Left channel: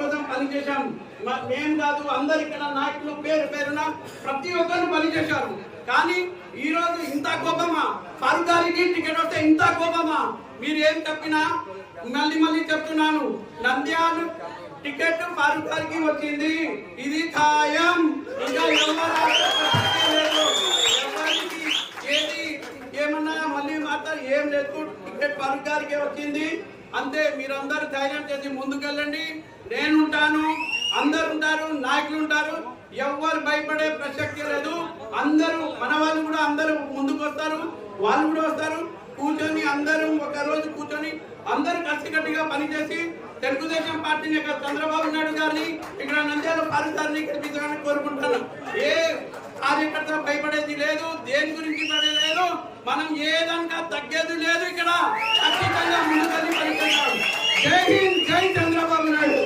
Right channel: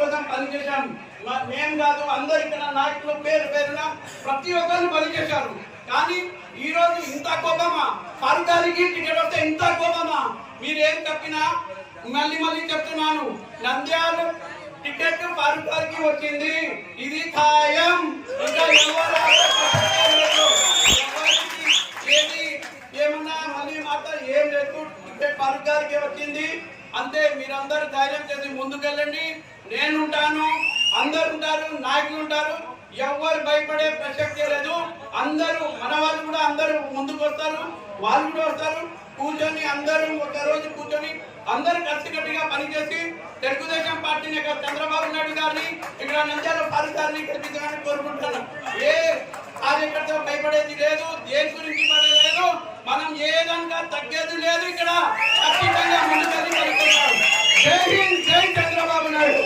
కోసం పనిచేశాం. మేము కాదు, అందరు ఇక్కడ నాయకులు పేరు పేరున ప్రతి ఒక్కరు పనిచేశారు. కానీ ఈ రోజు ఇంత కోపమా? ఫారూక్ గారికి టికెట్ వస్తే ఇంత కోపమా? మీరు ఏం చెప్పినా మళ్ళీ చెప్తున్నాను, నంద్యాల టికెట్ ఫారూక్ గారికి వచ్చింది, ఇది ఖాయం. ఇంకా ఏది ఏమన్నా మళ్ళీ మాట ఏం లేదు, టికెట్ ఫారూక్ గారికి వచ్చింది అంతే. మీరందరూ ధైర్యం చేసి ముందుకెళ్ళండి. నేను ఉంటాను, అందరు ఉంటారు, నాయకులు ఉంటారు, ఎవరు భయపడే ప్రసక్తే లేదు. అందరూ మన వాళ్ళు కూడా అందరూ ముందుకు వస్తారు, వాళ్ళు కూడా వస్తారు. కూర్చొని అందరూ ఒక రోజు కూర్చొని అందరూ కలిసికట్టుగా పనిచేసి తెలుగుదేశం పార్టీని చంద్రబాబు నాయుడు గారిని ఇక్కడ నంద్యాల ఫారూక్ గారిని గెలిపించాలని కోరుకుంటున్నాను. ఏ కార్యకర్త భయపడేది లేదు, దేని గురించి పడలేదు, మనం ఏదంగా తగ్గేది లేదు. ఇక్కడ ఖచ్చితంగా ముందుకెళ్ళి పనిచేస్తాం. జై హింద్, జై చంద్రబాబు నాయుడు.